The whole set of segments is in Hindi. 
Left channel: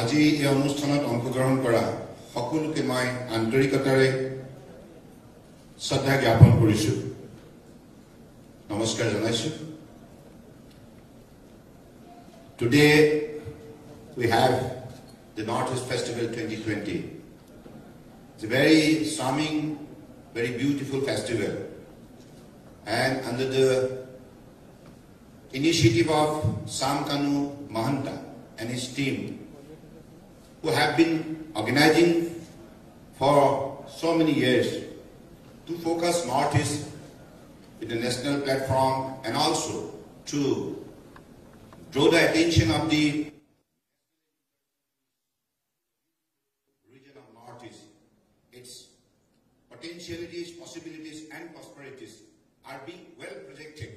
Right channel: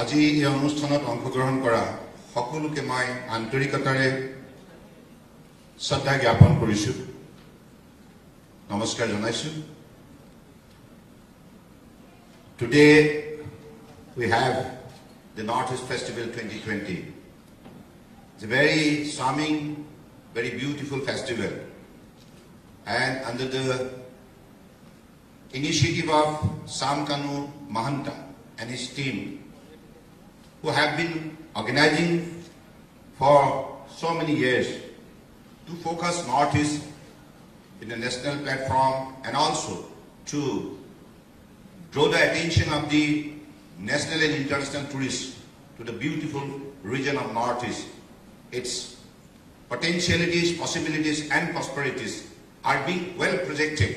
আজি এই অনুষ্ঠানত অংশগ্ৰহণ কৰা সকলোকে মই আন্তৰিকতাৰে শ্ৰদ্ধা জ্ঞাপন কৰিছো নমস্কাৰ জনাইছো Today we have the Northeast Festival 2020. It's a very charming, very beautiful festival, and under the initiative of Samkanu Mahanta and his team, who have been organizing for so many years to focus Northeast in the national platform and also to draw the attention of the national and international tourists to the beautiful region of Northeast. Its potentialities, possibilities and prosperities are being well projected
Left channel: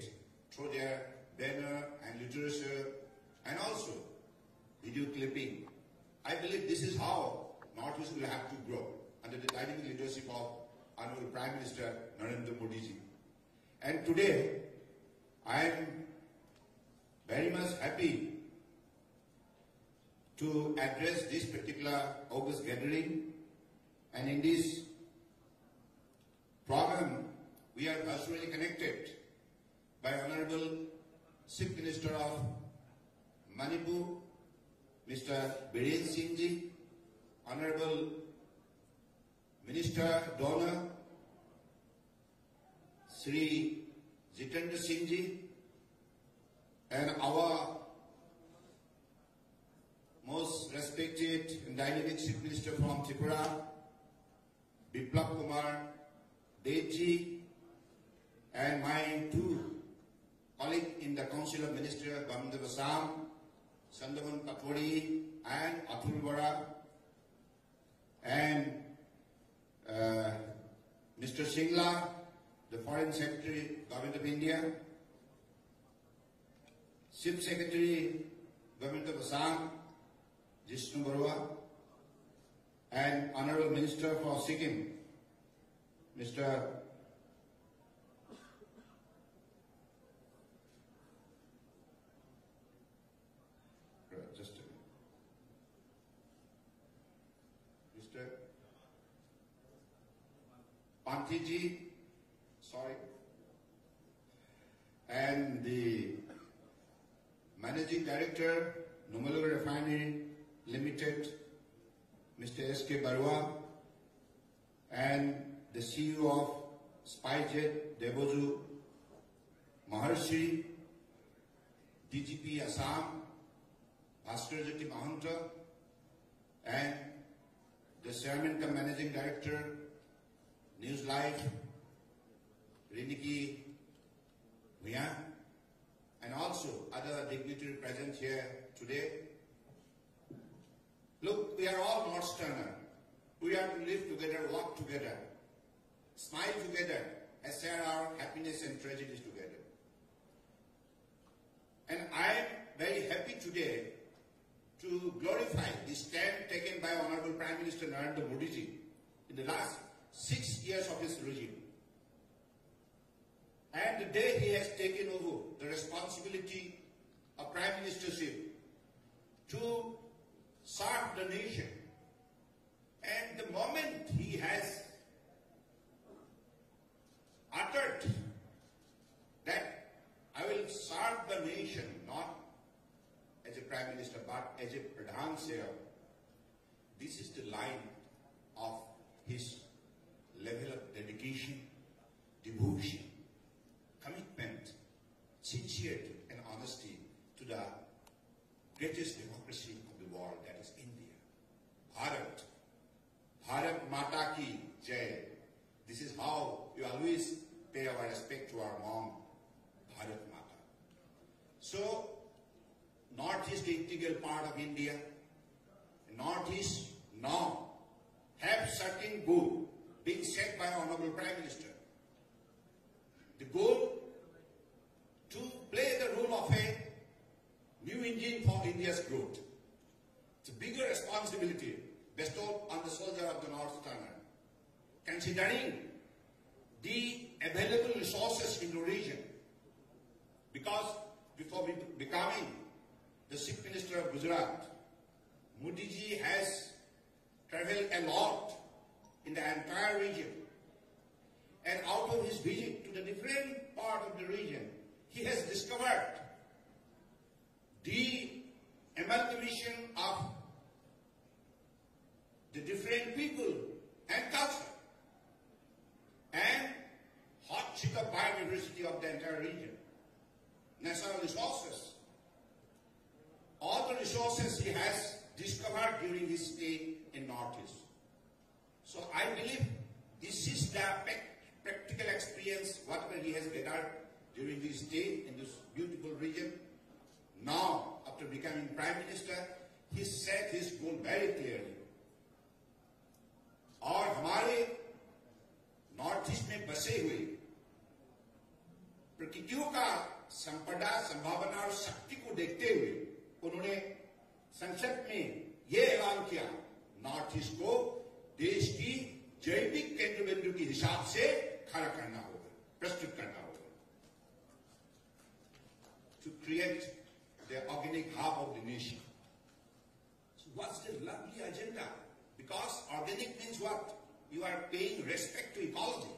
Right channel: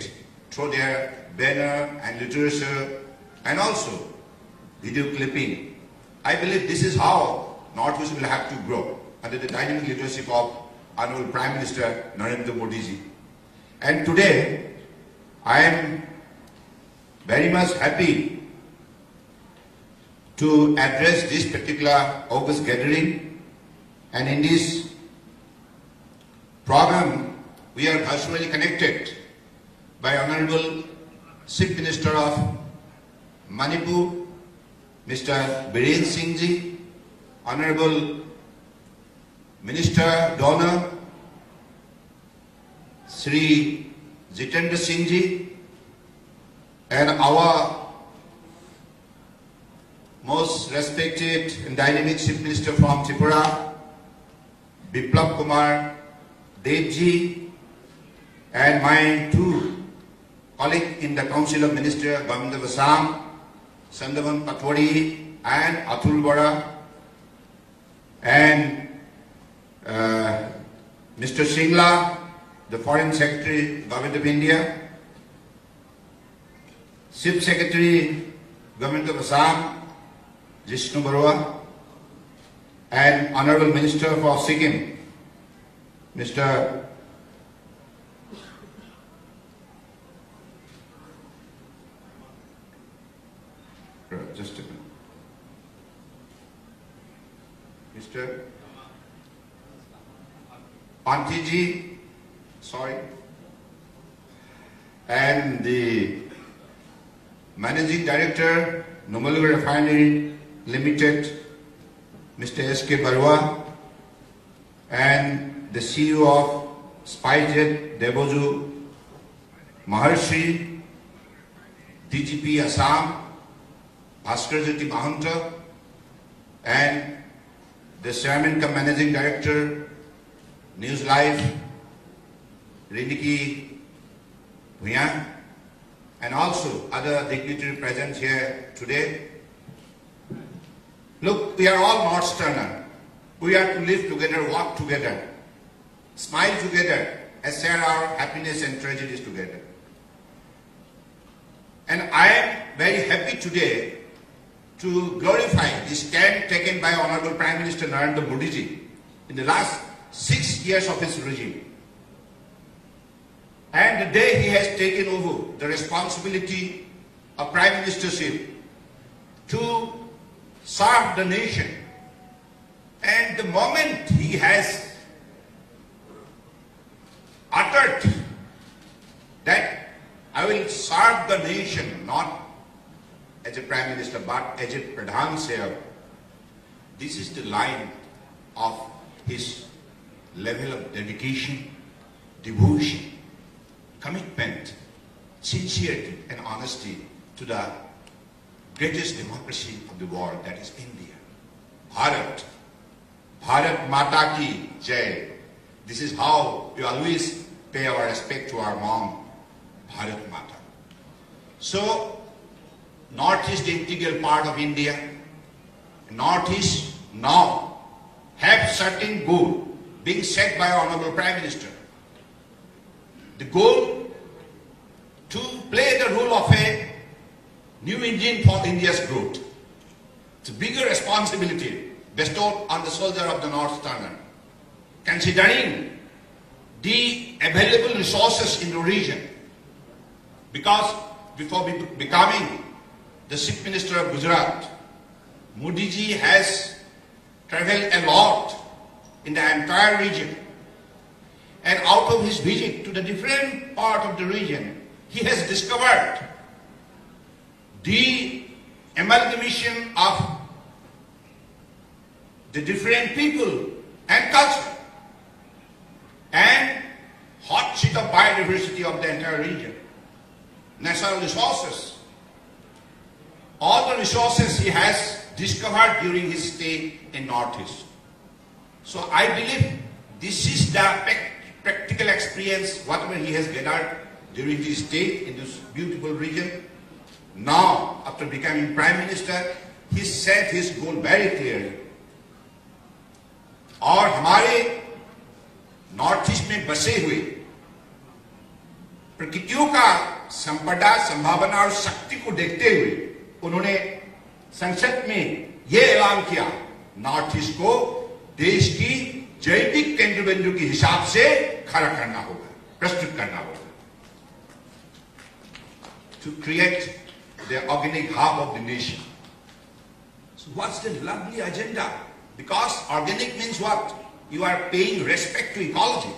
through their banner and literature and also video clipping. I believe this is how Northeast will have to grow under the dynamic leadership of Honorable Prime Minister Narendra Modi ji. And today I am very much happy to address this particular August gathering, and in this program we are virtually connected by Honorable Chief Minister of Manipur, Mr. Biren Singh ji, Honorable Minister Donor Sri Jitendra Singh ji, and our most respected and dynamic Chief Minister from Tripura, Biplab Kumar Dev ji, and my two colleagues in the Council of Ministers, Government of Assam, Sandavan Patwari and Atul Bora, and Mr. Singla, the Foreign Secretary, Government of India, Chief Secretary, Government of Assam, Jishnu Barua, and Honorable Minister for Sikkim, Mr. Just a minute. Mr. Pantiji, sorry, and the Managing Director, Numaligarh Refinery Limited, Mr. S.K. Barua, and the CEO of SpiceJet, Deboju Maharshi, DGP Assam, Bhaskar Jyoti Mahanta, and the Chairman cum Managing Director, News Live, Riniki Bhuyan, and also other dignitaries present here today. Look, we are all Northeasterners. We are to live together, walk together, smile together, and share our happiness and tragedies together. And I am very happy today to glorify the stand taken by Honorable Prime Minister Narendra Modi ji in the last 6 years of his regime. And the day he has taken over the responsibility of Prime Ministership to serve the nation, and the moment he has uttered that I will serve the nation not as a Prime Minister but as a Pradhan Sevak, this is the line of his level of dedication, devotion, commitment, sincerity and honesty to the greatest democracy of the world, that is India. Bharat. Bharat Mata Ki Jai. This is how we always pay our respect to our mom, Bharat Mata. So, Northeast is the integral part of India. Northeast now have certain goal being set by Honorable Prime Minister. The goal to play the role of a new engine for India's growth. It's a bigger responsibility bestowed on the soldier of the Northeasterner, considering the available resources in the region. Because before becoming the Chief Minister of Gujarat, Modi ji has traveled a lot in the entire region. And out of his visit to the different part of the region, he has discovered the amalgamation of the different people and culture and hot sheet of biodiversity of the entire region. Natural resources. All the resources he has discovered during his stay in Northeast. So I believe this is the practical experience, whatever he has gathered during his stay in this beautiful region. Now, after becoming Prime Minister, he set his goal very clearly. और हमारे नॉर्थ ईस्ट में बसे हुए प्रकृतियों का संपदा, संभावना और शक्ति को देखते हुए उन्होंने संसद में यह ऐलान किया, नॉर्थ ईस्ट को देश की जैविक केंद्र बिंदु के हिसाब से खड़ा करना होगा, प्रस्तुत करना होगा, to create the organic hub of the nation. So what's the lovely agenda? Because organic means what? You are paying respect to ecology,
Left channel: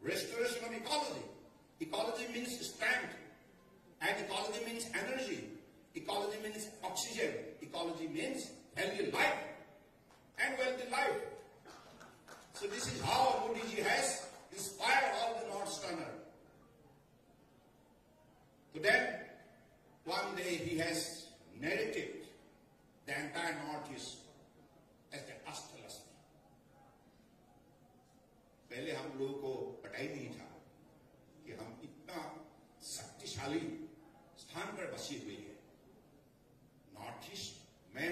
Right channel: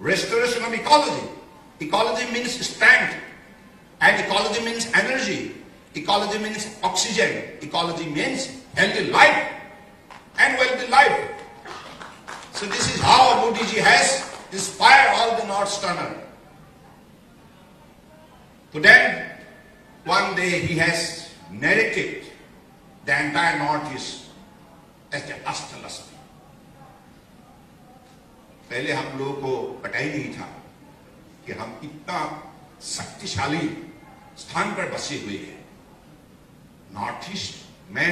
restoration of ecology. Ecology means strength, and ecology means energy. Ecology means oxygen. Ecology means healthy life and wealthy life. So this is how Modi ji has inspired all the Northerners. So then, one day he has narrated the entire Northeast as the Ashtalasmi. पहले हम लोगों को पता ही नहीं था कि हम इतना शक्तिशाली स्थान पर बसे हुए हैं। नॉर्थ ईस्ट में,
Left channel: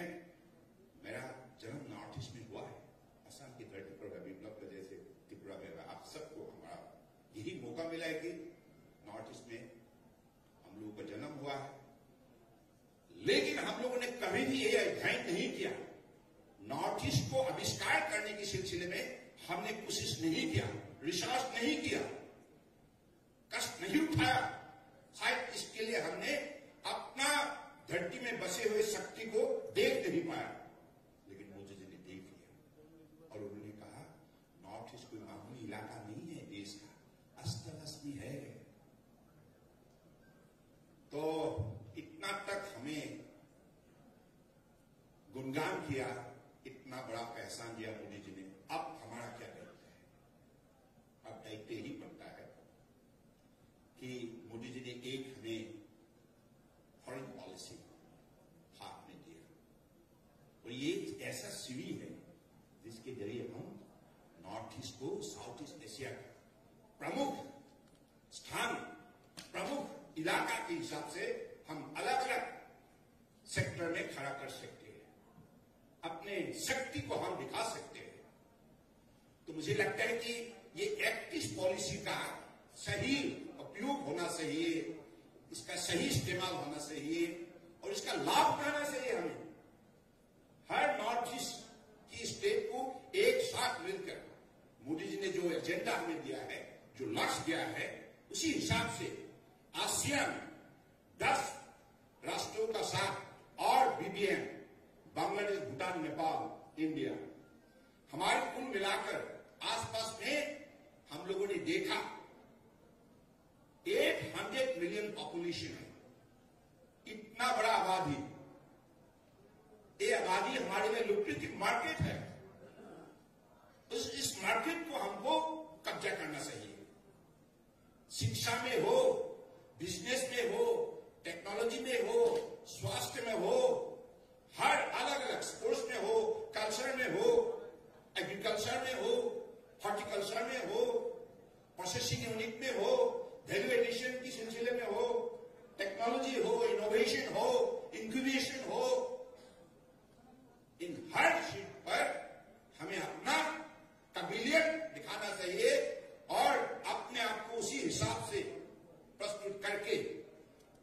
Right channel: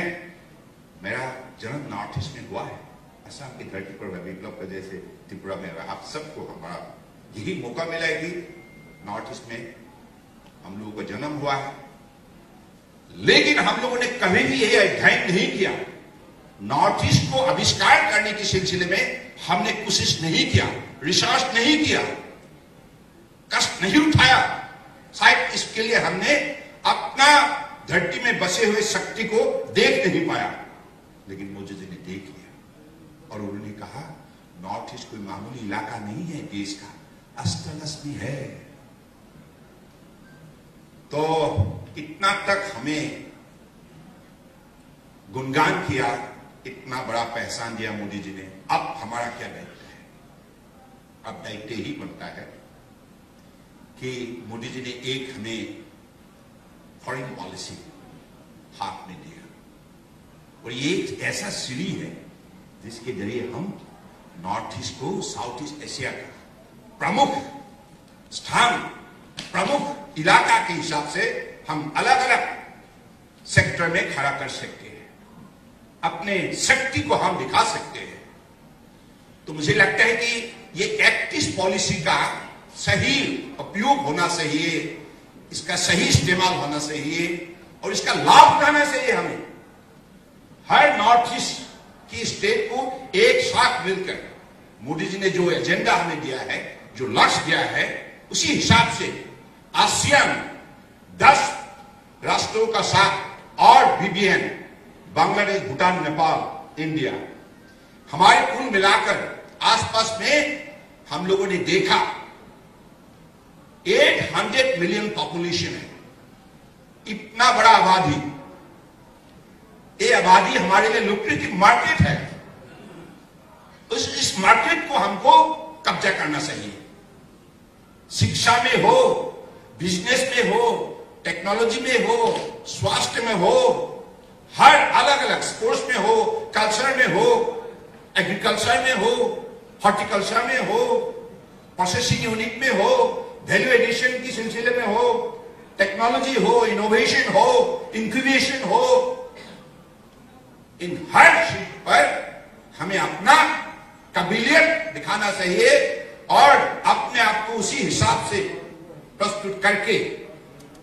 मेरा जन्म नॉर्थ ईस्ट में हुआ है, असम की धरती पर, विप्लव के जैसे त्रिपुरा में। आप सबको हमारा यही मौका मिला है कि नॉर्थ ईस्ट में हम लोगों का जन्म हुआ है, लेकिन हम लोगों ने कभी भी यह अध्ययन नहीं किया, नॉर्थ ईस्ट को आविष्कार करने के सिलसिले में हमने कोशिश नहीं किया, रिसर्च नहीं किया, कष्ट नहीं उठाया। शायद इसके लिए हमने अपना धरती में बसे हुए शक्ति को देख नहीं पाया, लेकिन मोदी जी ने देख लिया और उन्होंने कहा नॉर्थ ईस्ट कोई मामूली इलाका नहीं है, देश का अष्टलक्ष्मी है। तो इतना तक हमें गुणगान किया, इतना बड़ा पहचान दिया मोदी जी ने। अब हमारा क्या दायित्व है? अब दायित्व ही बनता है कि मोदी जी ने एक हमें फॉरेन पॉलिसी हाथ में दिया, और ये एक ऐसा सीढ़ी है जिसके जरिए हम नॉर्थ ईस्ट को साउथ ईस्ट एशिया का प्रमुख स्थान, प्रमुख इलाका के हिसाब से हम अलग अलग सेक्टर में खड़ा कर सकते हैं, अपने शक्ति को हम दिखा सकते हैं। तो मुझे लगता है कि ये एक्टिव पॉलिसी का सही उपयोग होना चाहिए, इसका सही इस्तेमाल होना चाहिए और इसका लाभ उठाना चाहिए। हमें हर नॉर्थ ईस्ट की स्टेट को एक साथ मिलकर मोदी जी ने जो एजेंडा हमें दिया है, जो लक्ष्य दिया है, उसी हिसाब से आसियान 10 राष्ट्रों का साथ और बीबीएन, बांग्लादेश, भूटान, नेपाल, इंडिया, हमारे कुल मिलाकर आसपास में हम लोगों ने देखा 800 मिलियन पॉपुलेशन है। इतना बड़ा आबादी, ये आबादी हमारे लिए लुक्रेटिव मार्केट है। इस मार्केट को हमको कब्जा करना चाहिए। शिक्षा में हो, बिजनेस में हो, टेक्नोलॉजी में हो, स्वास्थ्य में हो, हर अलग अलग स्पोर्ट्स में हो, कल्चर में हो, एग्रीकल्चर में हो, हॉर्टिकल्चर में हो, प्रोसेसिंग यूनिट में हो, वैल्यू एडिशन की सिलसिले में हो, टेक्नोलॉजी हो, इनोवेशन हो, इंक्यूबेशन हो, इन हर चीज पर हमें अपना काबिलियत दिखाना चाहिए और अपने आप को उसी हिसाब से प्रस्तुत करके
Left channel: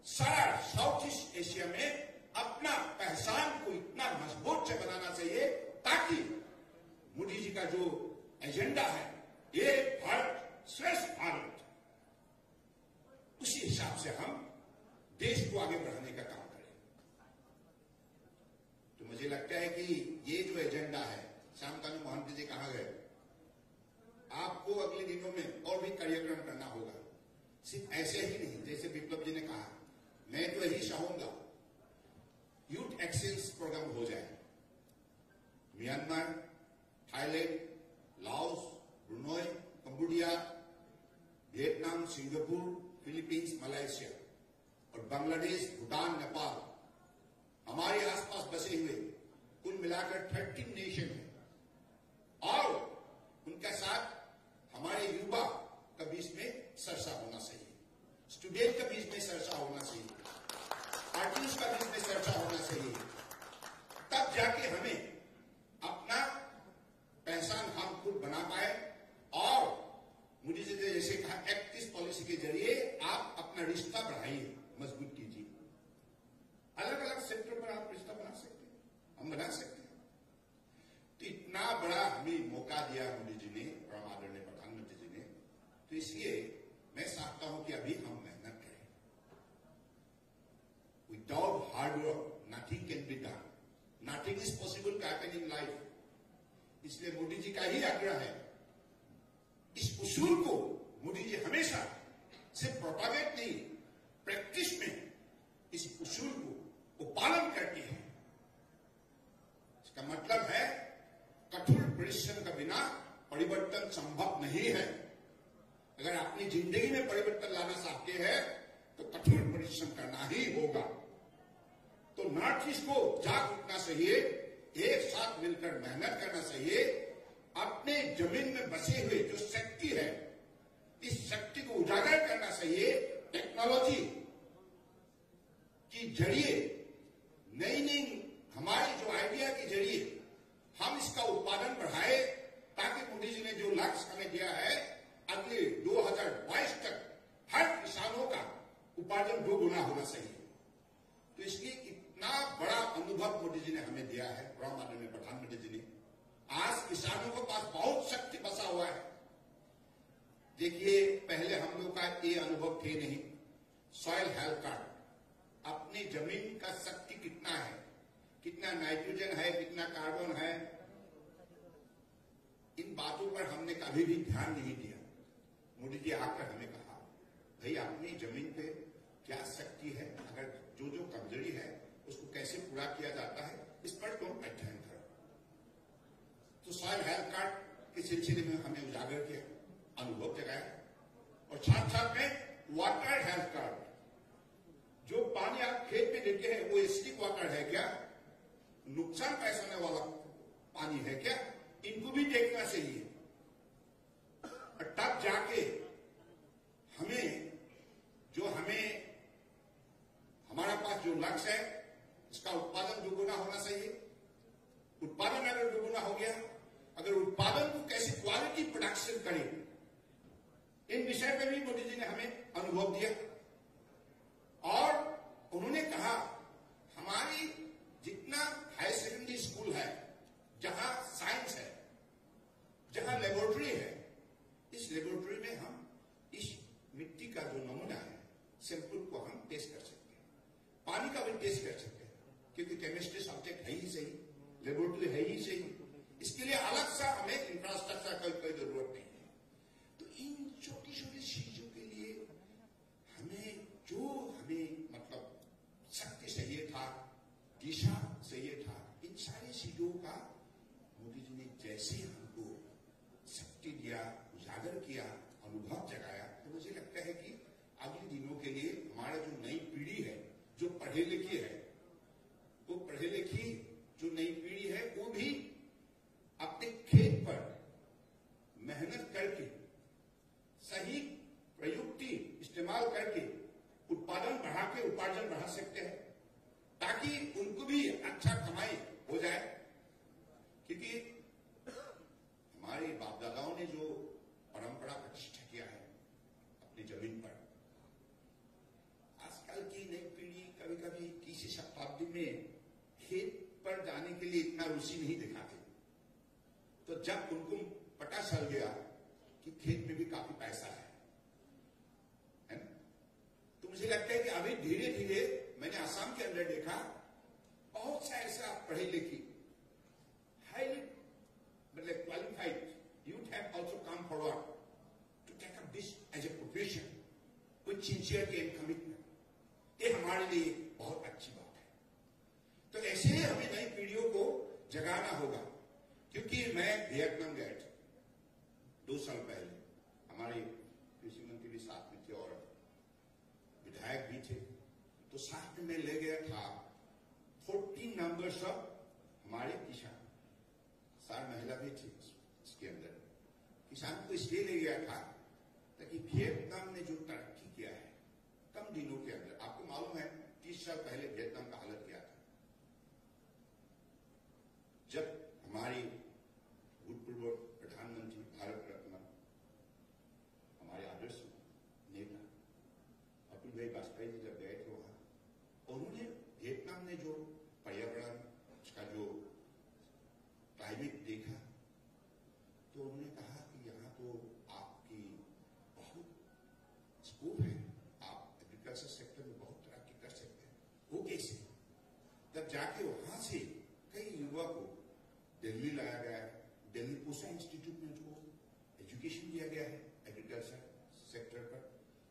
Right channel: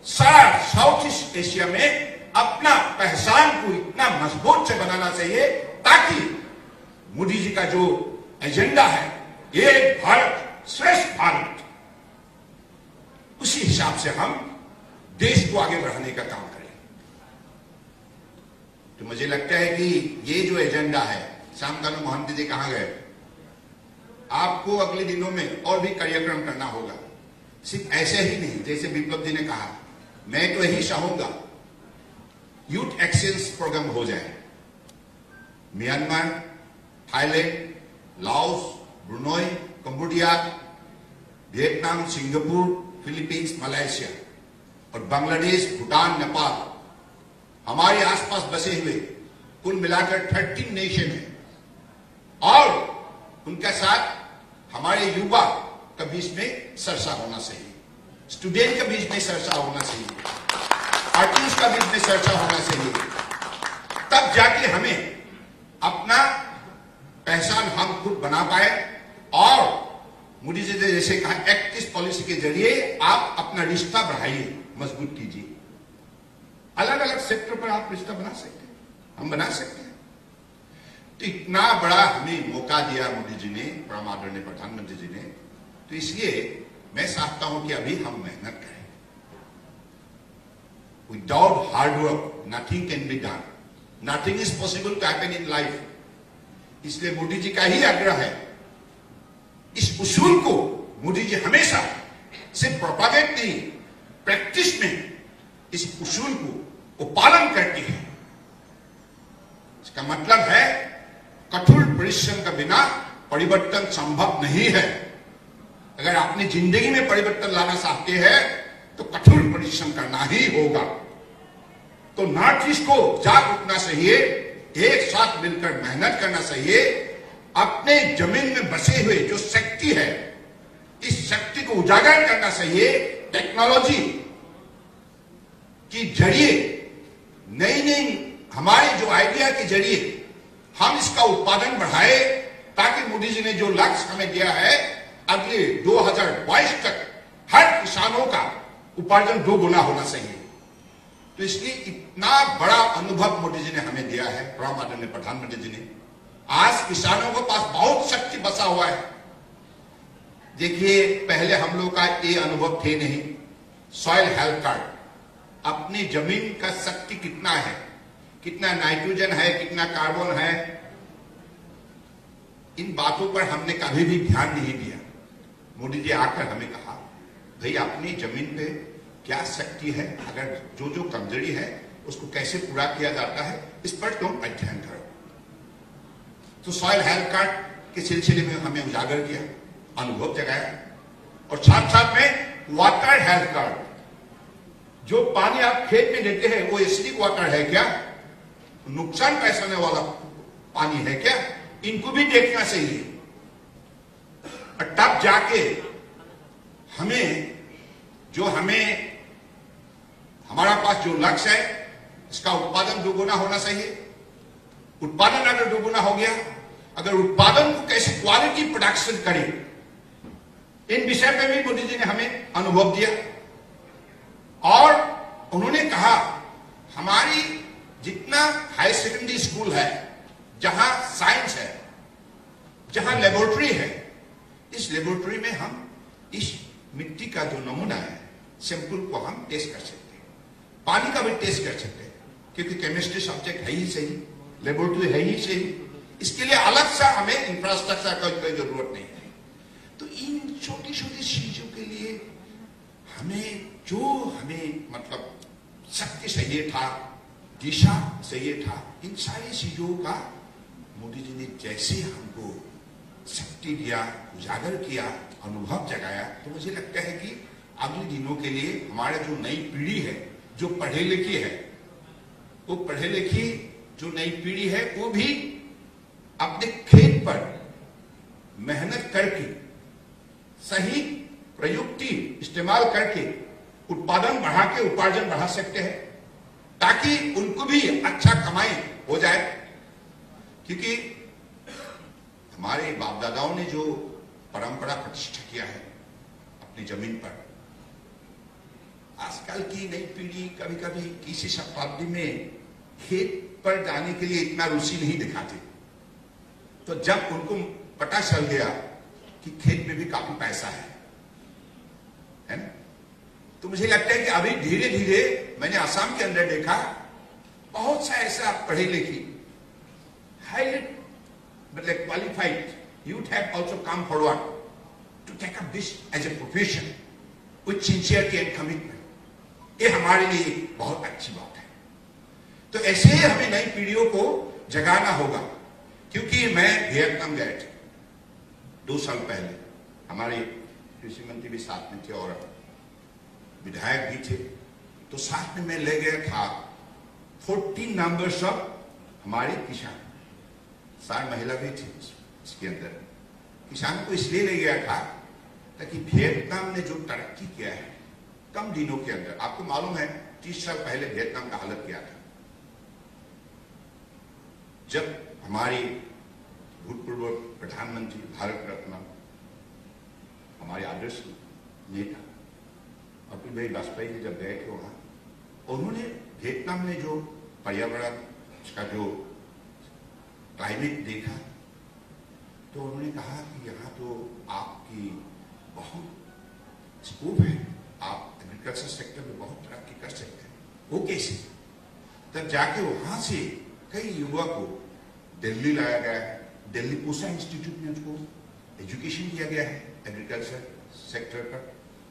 सारा साउथ ईस्ट एशिया में अपना पहचान को इतना मजबूत से बनाना चाहिए ताकि मोदी जी का जो एजेंडा है, एक भारत श्रेष्ठ भारत, उसी हिसाब से हम देश को आगे बढ़ाने का काम करें। तो मुझे लगता है कि ये जो एजेंडा है, शांतनु मोहंती जी कहां गए, आपको अगले दिनों में और भी कार्यक्रम करना होगा। सिर्फ ऐसे ही नहीं, जैसे विप्लव जी ने कहा, मैं तो यही चाहूंगा यूथ एक्सचेंज प्रोग्राम हो जाए। Myanmar, Thailand, Laos, Brunei, Cambodia, Vietnam, Singapore, Philippines, Malaysia और बांग्लादेश, भूटान, नेपाल, हमारे आसपास बसे हुए कुल मिलाकर 13 नेशन है। और उनके साथ हमारे युवा के बीच में चर्चा होना चाहिए, स्टूडेंट के बीच में चर्चा होना चाहिए, आर्टिस्ट का बीच में चर्चा होना चाहिए। तब जाके हमें अपना पहचान हम खुद बना पाए। और मोदी जी ने जैसे कहा, एक्टिव पॉलिसी के जरिए आप अपना रिश्ता बढ़ाइए, मजबूत कीजिए। अलग अलग सेक्टर पर आप रिश्ता बना सकते हैं, हम बना सकते हैं। तो इतना बड़ा हमें मौका दिया मोदी जी ने, परम आदरणीय प्रधानमंत्री जी ने, तो इसलिए मैं चाहता हूं कि अभी हम मेहनत करें। Without hard work nothing can be done, nothing is possible to happen in life. इसलिए मोदी जी का ही आग्रह है, इस उसूल को मोदी जी हमेशा सिर्फ प्रोपागेट नहीं, प्रैक्टिस में इस उसूल को वो पालन करती है। इसका मतलब है कठोर परिश्रम के बिना परिवर्तन संभव नहीं है। अगर अपनी जिंदगी में परिवर्तन लाना चाहते हैं तो कठोर परिश्रम करना ही होगा। तो नॉर्थ ईस्ट को जाग उठना चाहिए, एक साथ मिलकर मेहनत करना चाहिए, अपने जमीन में बसे हुए जो शक्ति है, इस शक्ति को उजागर करना चाहिए। टेक्नोलॉजी के जरिए, नई नई हमारे जो आइडिया के जरिए हम इसका उत्पादन बढ़ाए, ताकि मोदी जी ने जो लक्ष्य हमें दिया है, अगले 2022 तक हर किसानों का उपार्जन 2 गुना होना चाहिए। तो इसलिए इतना बड़ा अनुभव मोदी जी ने हमें दिया है, परम आदरणीय प्रधानमंत्री जी ने। आज किसानों के पास बहुत शक्ति बचा हुआ है। देखिए, पहले हम लोग का ये अनुभव थे नहीं। सॉइल हेल्थ कार्ड, अपनी जमीन का शक्ति कितना है, कितना नाइट्रोजन है, कितना कार्बन है, इन बातों पर हमने कभी भी ध्यान नहीं दिया। मोदी जी आकर हमें कहा, भाई अपनी जमीन पे क्या शक्ति है, अगर जो जो कमजोरी है उसको कैसे पूरा किया जाता है, इस पर तुम अध्ययन करो। तो सॉइल हेल्थ कार्ड के सिलसिले में हमें उजागर किया, अनुभव जगाया। और साथ साथ में वाटर हेल्थ कार्ड, जो पानी आप खेत में देते हैं वो एसिडिक वाटर है क्या, नुकसान पहुंचाने वाला पानी है क्या, इनको भी देखना चाहिए। और तब जाके हमारा पास जो लक्ष्य है, इसका उत्पादन 2 गुना होना चाहिए। उत्पादन अगर 2 गुना हो गया, अगर उत्पादन को कैसे क्वालिटी प्रोडक्शन करें, इन विषय पे भी मोदी जी ने हमें अनुभव दिया। और उन्होंने कहा, हमारी जितना हाई सेकेंडरी स्कूल है, जहां साइंस है, जहां लेबोरेटरी है, इस लेबोरेटरी में हम इस मिट्टी का जो नमूना है, सैंपल को हम टेस्ट कर सकते हैं, पानी का भी टेस्ट कर सकते हैं, क्योंकि केमिस्ट्री सब्जेक्ट है ही सही, लेबोरेटरी है ही सही। इसके लिए अलग सा हमें इंफ्रास्ट्रक्चर का कोई जरूरत नहीं है। तो इन छोटी छोटी चीजों के लिए हमें मतलब शक्ति चाहिए था, दिशा चाहिए था। इन सारी चीजों का मोदी जी ने जैसे हमको शक्ति दिया, उजागर किया, अनुभव जगाया, तो मुझे लगता है कि अगले दिनों के लिए हमारा जो नई पीढ़ी है, जो पढ़े लिखी है, वो पढ़े लिखी जो नई पीढ़ी है, वो भी अपने खेत पर मेहनत करके, सही प्रयुक्ति इस्तेमाल करके उत्पादन बढ़ा के उपार्जन बढ़ा सकते हैं, ताकि उनको भी अच्छा कमाई हो जाए। क्योंकि हमारे बाप दादाओं ने जो परंपरा प्रतिष्ठा किया है अपनी जमीन पर, आजकल की नई पीढ़ी कभी कभी किसी शताब्दी में खेत पर जाने के लिए इतना रुचि नहीं दिखाती। तो जब उनको पता चल गया कि खेत में भी काफी पैसा है ना, तो मुझे लगता है कि अभी धीरे धीरे मैंने आसाम के अंदर देखा, बहुत सा ऐसा पढ़े लिखे highly मतलब qualified youth have also come forward to take up this as a profession with sincerity and commitment. ये हमारे लिए बहुत अच्छी बात है। तो ऐसे ही हमें नई पीढ़ियों को जगाना होगा, क्योंकि मैं वियतनाम गए थे 2 साल पहले, हमारे कृषि मंत्री भी साथ में थे और विधायक भी थे, तो साथ में मैं ले गया था 14 नंबर्स ऑफ हमारे किसान, 4 महिला भी थी इसके अंदर। किसान को इसलिए ले गया था ताकि वियतनाम ने जो तरक्की किया है कम दिनों के अंदर, आपको मालूम है 30 साल पहले वियतनाम का हालत क्या था। जब हमारी भूतपूर्व प्रधानमंत्री भारत रत्न हमारे आदर्श नेता अटल बिहारी वाजपेयी जी जब गए थे वहां, उन्होंने वियतनाम में जो पर्यावरण का जो क्लाइमेट देखा, तो उन्होंने कहा कि यहाँ तो आपकी बहुत स्कोप है, आप एग्रीकल्चर सेक्टर में बहुत तरक्की कर सकते हैं। वो कैसे? तब जाके वहां से कई युवा को दिल्ली लाया गया है, दिल्ली पूसा इंस्टीट्यूट में उनको एजुकेशन दिया गया है एग्रीकल्चर सेक्टर पर,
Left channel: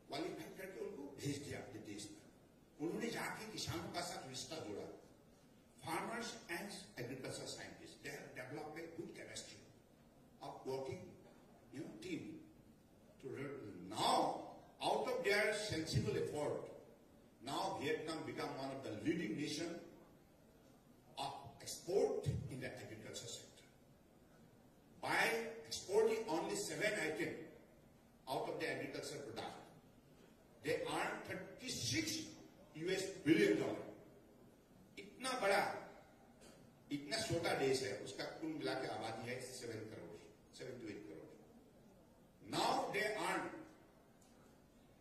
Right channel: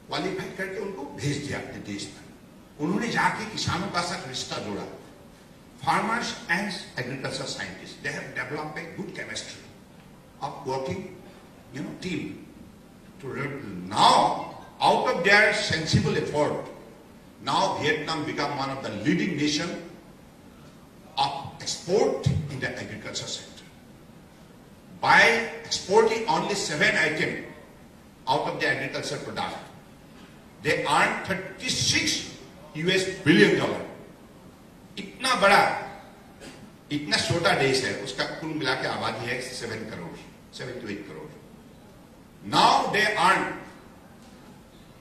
क्वालिफाई करके उनको भेज दिया अपने देश में। उन्होंने जाके किसानों का साथ रिश्ता जोड़ा। Farmers and agriculture scientist, they have developed a good chemistry of working, team. To now, out of their sensible effort, now Vietnam become one of the leading nation of export in the agriculture sector. By exporting only 7 items out of the agriculture product, they earn $36 billion. इतना बड़ा, इतना छोटा देश है, उसका कुल मिला के आबादी है 7 to 8 crore. Now they earn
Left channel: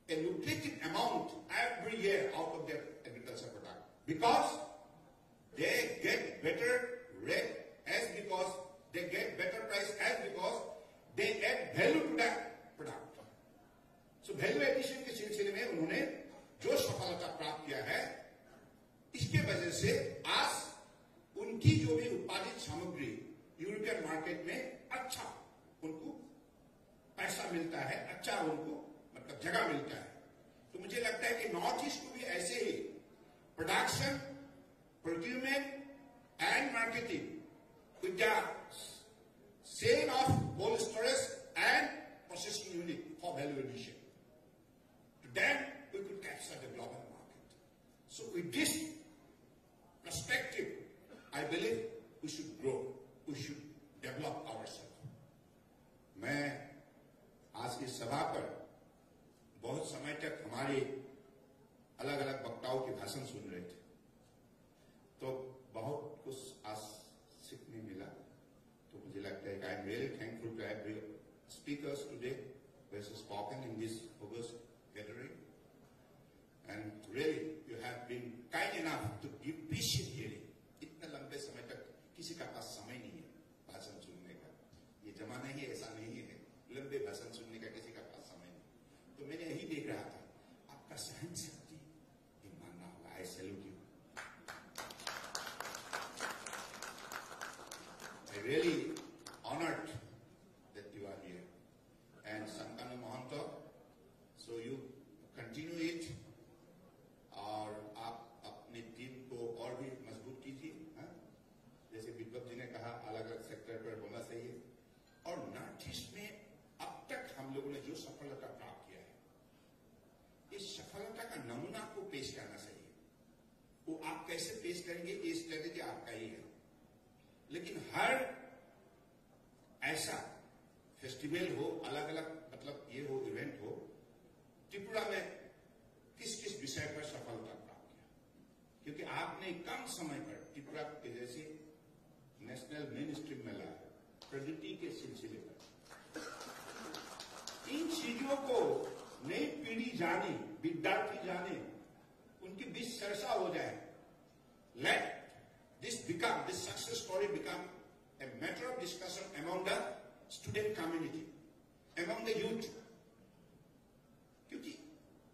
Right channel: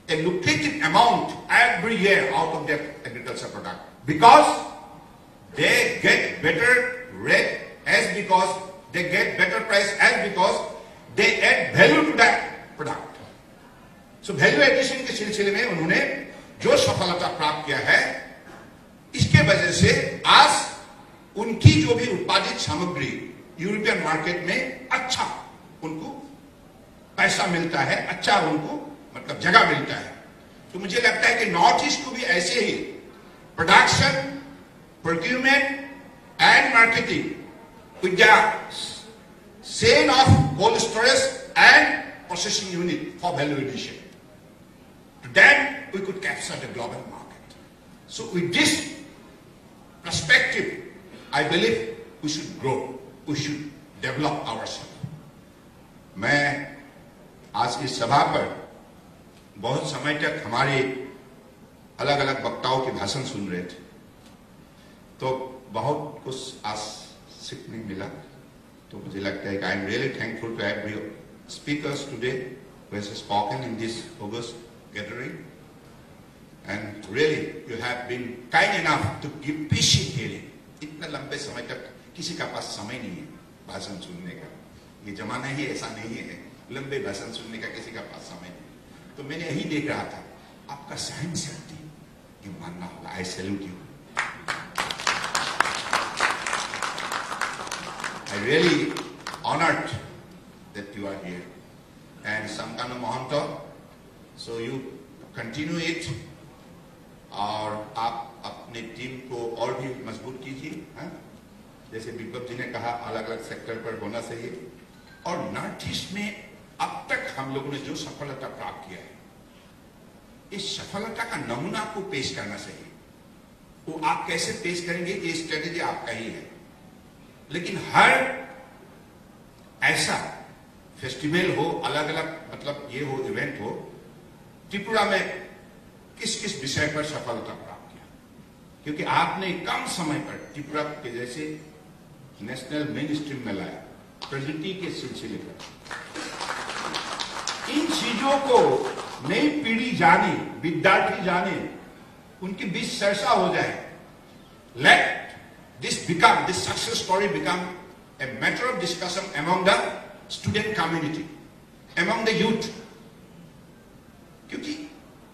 a lucrative amount every year out of their agriculture product because they get better rate, as because they get better price, as because they add value to that product. So value addition के सिलसिले में उन्होंने जो सफलता प्राप्त किया है, इसके वजह से आज उनकी जो भी उत्पादित सामग्री यूरोपियन मार्केट में अच्छा उनको पैसा मिलता है, अच्छा उनको मतलब जगह मिलता है। तो मुझे लगता है कि नॉर्थ ईस्ट को भी ऐसे ही production, procurement and marketing with the sale of cold storage and processing unit for value addition, then we could capture the global market. So with this perspective, I believe we should grow, we should develop ourselves. मैं आज की सभा पर बहुत समय तक हमारे अलग अलग वक्ताओं के भाषण सुन रहे थे, तो बहुत कुछ आज सीखने मिला। तो मुझे लगता है कि I am really thankful to every speakers today who has spoken in this August gathering, and really you have been kind enough to give patient hearing. इतना लंबे समय तक किसी का पास समय नहीं है भाषण सुनने का, ये जमाना ही ऐसा नहीं है लंबे भाषण सुनने का, किसी का पास समय नहीं। तो मैंने यही देख रहा था, आपका सहन शक्ति ये मानना होगा। आई salute you, I really honoured that you are here, and Samkano Mohanto, so you continue it, और आप अपने टीम को और भी मजबूत कीजिए। जैसे विप्लव जी ने कहा, अलग अलग सेक्टर पर होना चाहिए। और नॉर्थ ईस्ट में अब तक हम लोगों ने जो सफलता प्राप्त किया है, इस सफलता का नमूना को पेश करना चाहिए। वो आप कैसे पेश करेंगे, ये स्ट्रेटेजी आपका ही है, लेकिन हर ऐसा फेस्टिवल हो, अलग अलग मतलब ये हो, इवेंट हो, त्रिपुरा में किस किस विषय पर सफलता प्राप्त किया, क्योंकि आपने कम समय पर त्रिपुरा के जैसे नेशनल मेन स्ट्रीम में लाया, प्रगति के सिलसिले पर। इन चीजों को नई पीढ़ी जाने, विद्यार्थी जाने, उनके बीच चर्चा हो जाए। Let this success story become a matter of discussion among the student community, among the youth, क्योंकि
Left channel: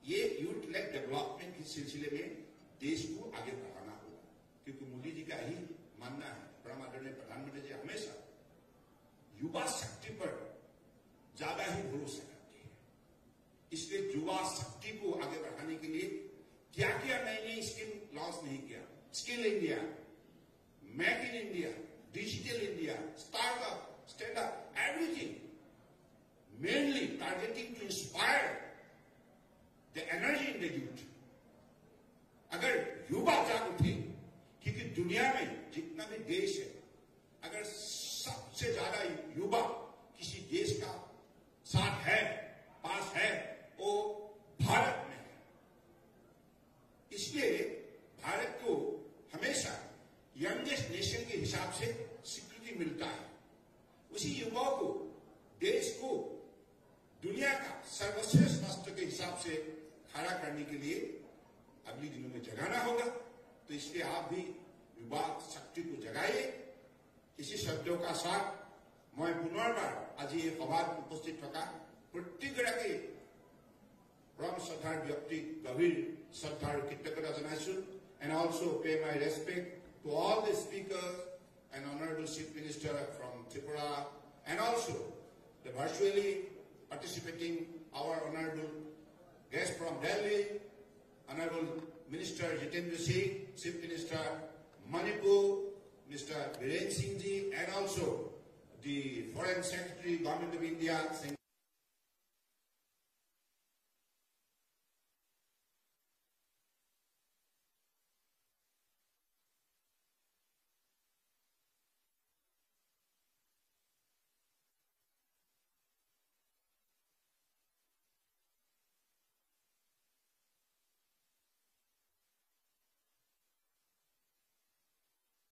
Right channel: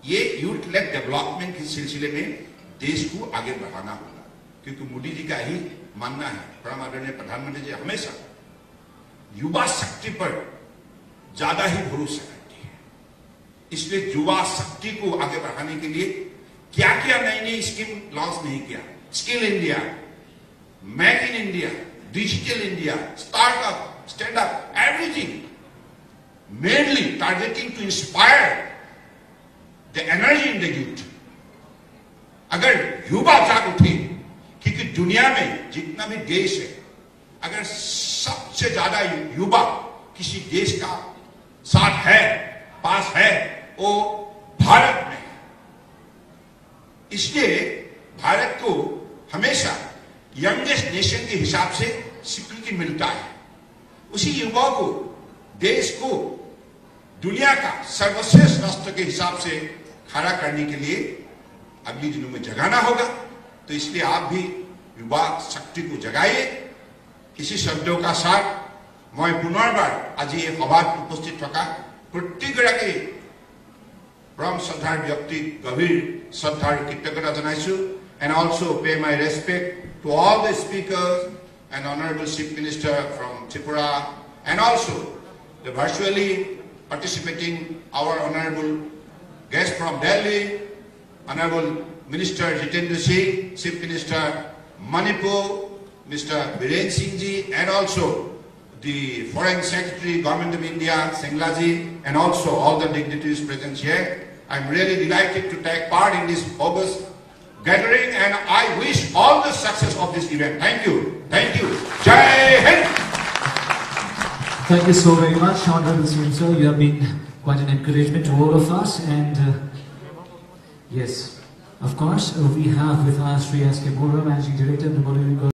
ये यूथ लेड डेवलपमेंट के सिलसिले में देश को आगे बढ़ाना होगा। क्योंकि मोदी जी का ही मानना है, परम आदरणीय प्रधानमंत्री जी हमेशा युवा शक्ति पर ज्यादा ही भरोसा करती है। इसलिए युवा शक्ति को आगे बढ़ाने के लिए क्या क्या नई नई स्कीम लॉन्च नहीं किया। Skill India, make in India, digital India, startup, stand up, everything mainly targeting to inspire the energy in the youth. अगर युवा जाग उठे, क्योंकि दुनिया में जितना भी देश है, अगर सबसे ज्यादा युवा किसी देश का साथ है, पास है, वो भारत में है। इसलिए भारत को हमेशा यंगेस्ट नेशन के हिसाब से स्वीकृति मिलता है। उसी युवा को, देश को दुनिया का सर्वश्रेष्ठ राष्ट्र के हिसाब से खड़ा करने के लिए अगले दिनों में जगाना होगा। तो इसलिए आप भी युवा शक्ति को जगाइए। इसी शब्दों का साथ मैं पुनर्बार आज ये सभात उपस्थित थका प्रत्येकगराकी परम श्रद्धार व्यक्ति गभीर श्रद्धार कृतज्ञता जनाइछु। And also pay my respect to all the speakers and Honorable Chief Minister from Tripura, and also the virtually participating our Honorable guest from Delhi, Honorable Minister Jitendra Singh, Chief Minister Manipur, Mr. Biren Singh ji, and also the Foreign Secretary, Government of India, Singla ji, and also all the dignitaries present here. I'm really delighted to take part in this August gathering, and I wish all the success of this event. Thank you. Thank you. Jai Hind. Thank you so very much, Honorable CM sir. You have been quite an encouragement to all of us, and yes, of course, we have with us Sri S.K. Bora, Managing Director of the Bollywood